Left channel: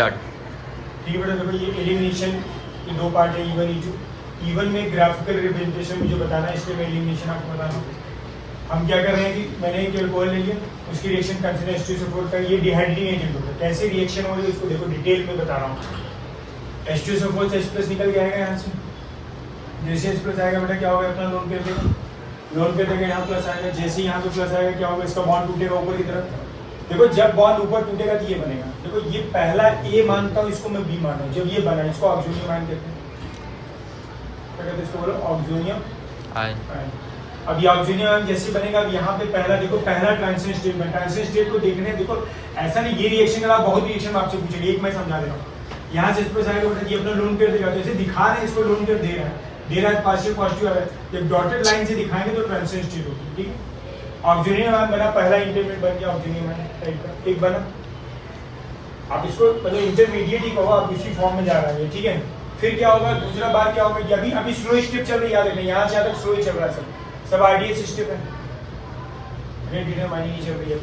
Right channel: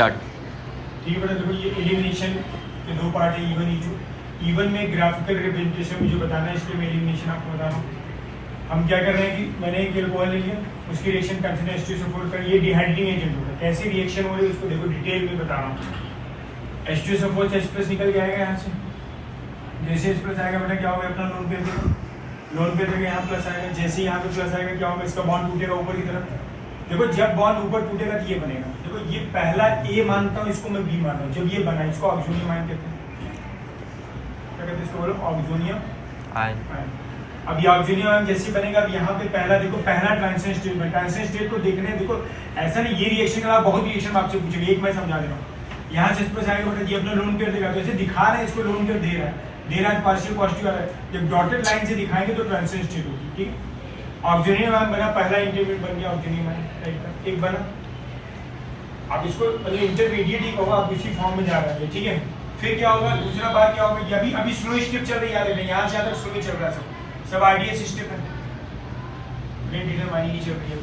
Start. ठीक है बेटा, देखो ये एलिमिनेशन के दो पार्ट है, इवन ईचू। इवन में ग्राफिकल रिप्रेजेंटेशन मुझे बताना है, इसलिए मैं एलिमिनेशन आपको बता रहा हूँ। हम क्या कर रहे हैं कि मैंने एक एल्कोहल ले लिया, उसकी रिएक्शन कंसिडर H2SO4 का, ये डिहाइड्रेटिंग एजेंट होता है। कैसे रिएक्शन हो रही है उसको देखो डिटेल में बता रहा हूँ। H2SO4 से H+ निकल के आएगा यहाँ से, जैसे H+ आएगा बेटा क्या होगा, अपना लोन पेयर देगा, लोन पेयर देगा, यहाँ प्लस आएगा, जैसे यहाँ पे प्लस आएगा क्या होगा, इसका बॉन्ड टूटेगा ऊपर की तरफ। देखो जब बॉन्ड ऊपर टूटेगा तो ये बनेगा। देखो ये पहला A मानता हूँ, इसको मैं B मान रहा हूँ। जब ये बना इसको ऑक्सोनियम आयन कहते हैं। क्या कहते हैं इसको, बोलो ऑक्सोनियम आयन। अब ये ऑक्सोनियम आयन जैसे बनेगा, अब यहाँ पे पहला देखो, पहला ट्रांजिशन स्टेट में, ट्रांजिशन स्टेट को देखने देखो ऐसा नहीं, ये रिएक्शन का बहुत रिएक्शन आपसे पूछेंगे, एक मैं समझा दे रहा हूँ। यहाँ से H+ आएगा बेटा, ये अपना लोन पेयर देगा, जैसे दिखा रहे हैं इसको लोन पेयर दे रहा है पार्शियल पॉजिटिव आ रहा है। जब डॉटेड लाइन से दिखाएंगे तो ट्रांजिशन स्टेट होगी। ठीक है, ऑक्सोनियम आयन बना, पहला इंटरमीडिएट बन गया ऑक्सोनियम आयन टाइप का, एक बना। अब इसको मतलब इंटरमीडिएट ही कहो, आप इसी फॉर्म में जा रहे हैं। ठीक है, फिर क्या होगा, दूसरा बार क्या होगा, अभी अभी स्लो स्टेप चल रही है, याद रखना यहाँ से आकर स्लो ही चल रहा है, सब RDS स्टेप है, की चल रही है,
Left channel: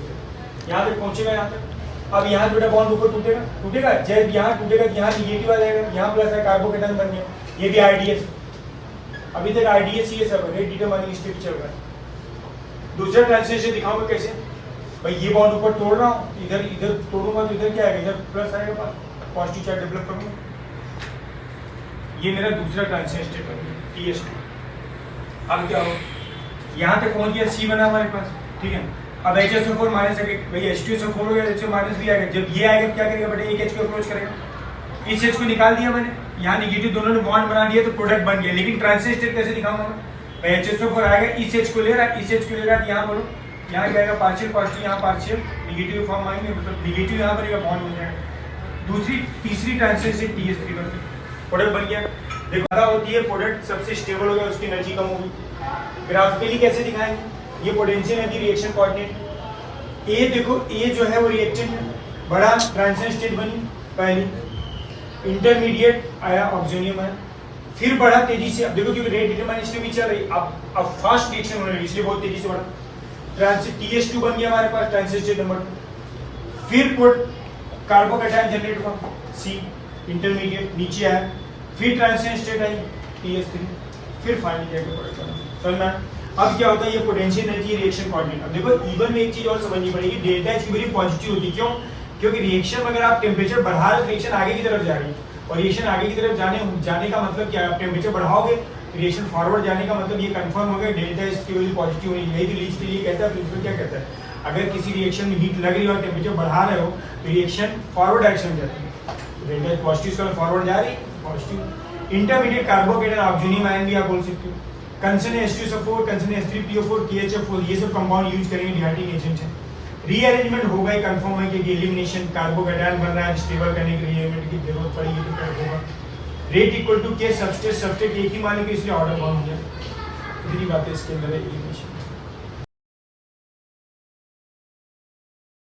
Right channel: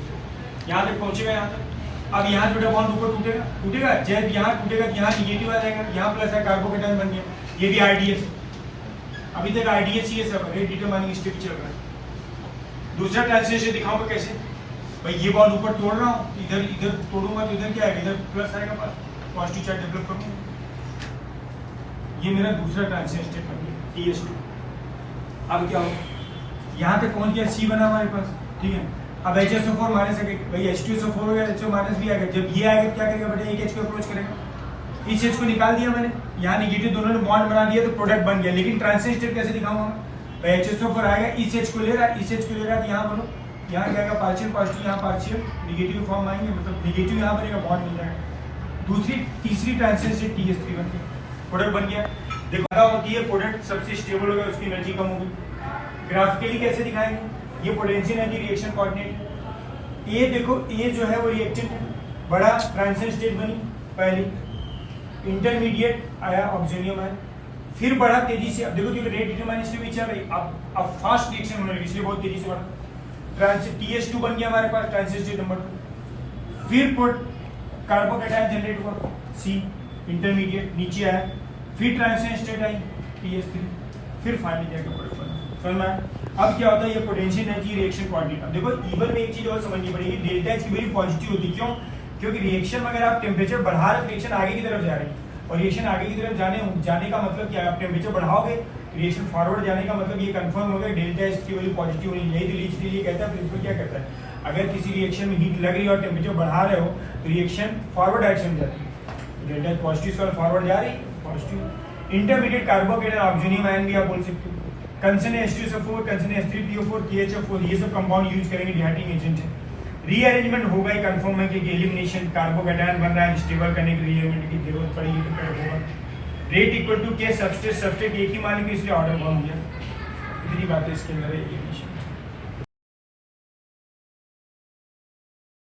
यहाँ तक पहुंचेगा यहाँ तक। अब यहाँ बेटा बॉन्ड ऊपर टूटेगा, जब यहाँ टूटेगा यहाँ निगेटिव आ जाएगा, यहाँ प्लस है, कार्बोकेटायन बन गया, ये भी RDS। अभी तक RDS ही है, सब रेट डिटरमाइनिंग स्टेप चल रहा है। दूसरा ट्रांसलेशन दिखाऊंगा कैसे, भाई ये बॉन्ड ऊपर तोड़ रहा हूँ, इधर इधर तोड़ूंगा तो इधर क्या आएगा, इधर प्लस आएगा, पॉजिटिव चार्ज डेवलप करूंगा। ये मेरा दूसरा ट्रांसलेशन स्टेप बन गया, TS2। अब क्या हो, यहाँ तक पहुंच गया, C बना हमारे पास। ठीक है, अब HSO4 माइनस है, भाई H2SO4 हो गया, HO माइनस भी आएगा। जब ये आएगा क्या करेगा बेटा, एक H को अप्रोच करेगा, इस H को निकाल दिया मैंने, यहाँ निगेटिव दोनों ने बॉन्ड बना दिया तो प्रोडक्ट बन गया। लेकिन ट्रांसलेशन स्टेप कैसे दिखाऊंगा मैं, भाई HSO4 आएगा, इस H को ले रहा है, इस H को ले रहा है, यहाँ बोलो यहाँ क्या आएगा, पार्शियल पॉजिटिव, यहाँ पार्शियल निगेटिव फॉर्म आएंगे, मतलब निगेटिव यहाँ बनेगा, बॉन्ड मिल जाएगा। तीसरी ट्रांसलेशन स्टेप TS3 बन गया, प्रोडक्ट बन गया। देखो पता होती है प्रोडक्ट सबसे स्टेबल हो गया, उसकी एनर्जी कम होगी। ग्राफिकली कैसे दिखाएंगे, ये पोटेंशियल एनर्जी रिएक्शन कोऑर्डिनेट। ए देखो, ए जो है वो रिएक्टेंट है, बड़ा ट्रांजिशन स्टेट बनी पहले, इंटरमीडिएट आया ऑक्सोनियम आयन, फिर बढ़ा तेजी से। अब देखो क्योंकि रेट डिटरमाइनिंग स्टेप भी चल रही, अब फास्ट रिएक्शन होने लगी, इसलिए बहुत तेजी से बढ़ा। TS2 बन गया हमारे पास, ट्रांजिशन स्टेट नंबर 2। फिर कार्बोकेटायन जनरेट हुआ, C इंटरमीडिएट नीचे आया, फिर ट्रांजिशन स्टेट आई TS3, फिर फाइनली जाके प्रोडक्ट बना। समझ में? अब क्या होता है, ये पोटेंशियल एनर्जी रिएक्शन कोऑर्डिनेट। अब देखो इवन में एक चीज और समझनी पड़ेगी, डेल्टा H की वैल्यू पॉजिटिव होती है। क्यों? क्योंकि रिएक्शन में अगर आप टेम्परेचर बढ़ा रहे हो, रिएक्शन आगे की तरफ जा रही है, और रिएक्शन आगे की तरफ जाने का मतलब क्या है, आप टेम्परेचर बढ़ाओगे, रिएक्शन फॉरवर्ड जाने का मतलब ये कंफर्म हो गया डेल्टा H की वैल्यू पॉजिटिव होगी। यही तो लीच ये कहता है, प्रिंसिपल क्या कहता है, अगर किसी रिएक्शन में हीट लग रही है और टेम्परेचर बढ़ा रहे हो तो रिएक्शन फॉरवर्ड डायरेक्शन में जाती है, डेल्टा H पॉजिटिव का फॉरवर्ड जा रही है, positive. Intermediate carbocation oxonium ion भी आप बोल सकते हो, concern H2SO4, concern H3PO4, KHF4, ये सब कंपाउंड यूज करेंगे, डिहाइड्रेटिंग एजेंट है। रीअरेंजमेंट होगा ही, कंफर्म है कि एलिमिनेशन कार्बोकेटायन बन रहा है, स्टेबल करने के लिए रीअरेंजमेंट की जरूरत पड़ेगी तो क्या होगा, rate equal to K substrate एक ही मान लीजिए, इसलिए ऑर्डर बाउंड है। इतनी बात है इसके अंदर एलिमिनेशन।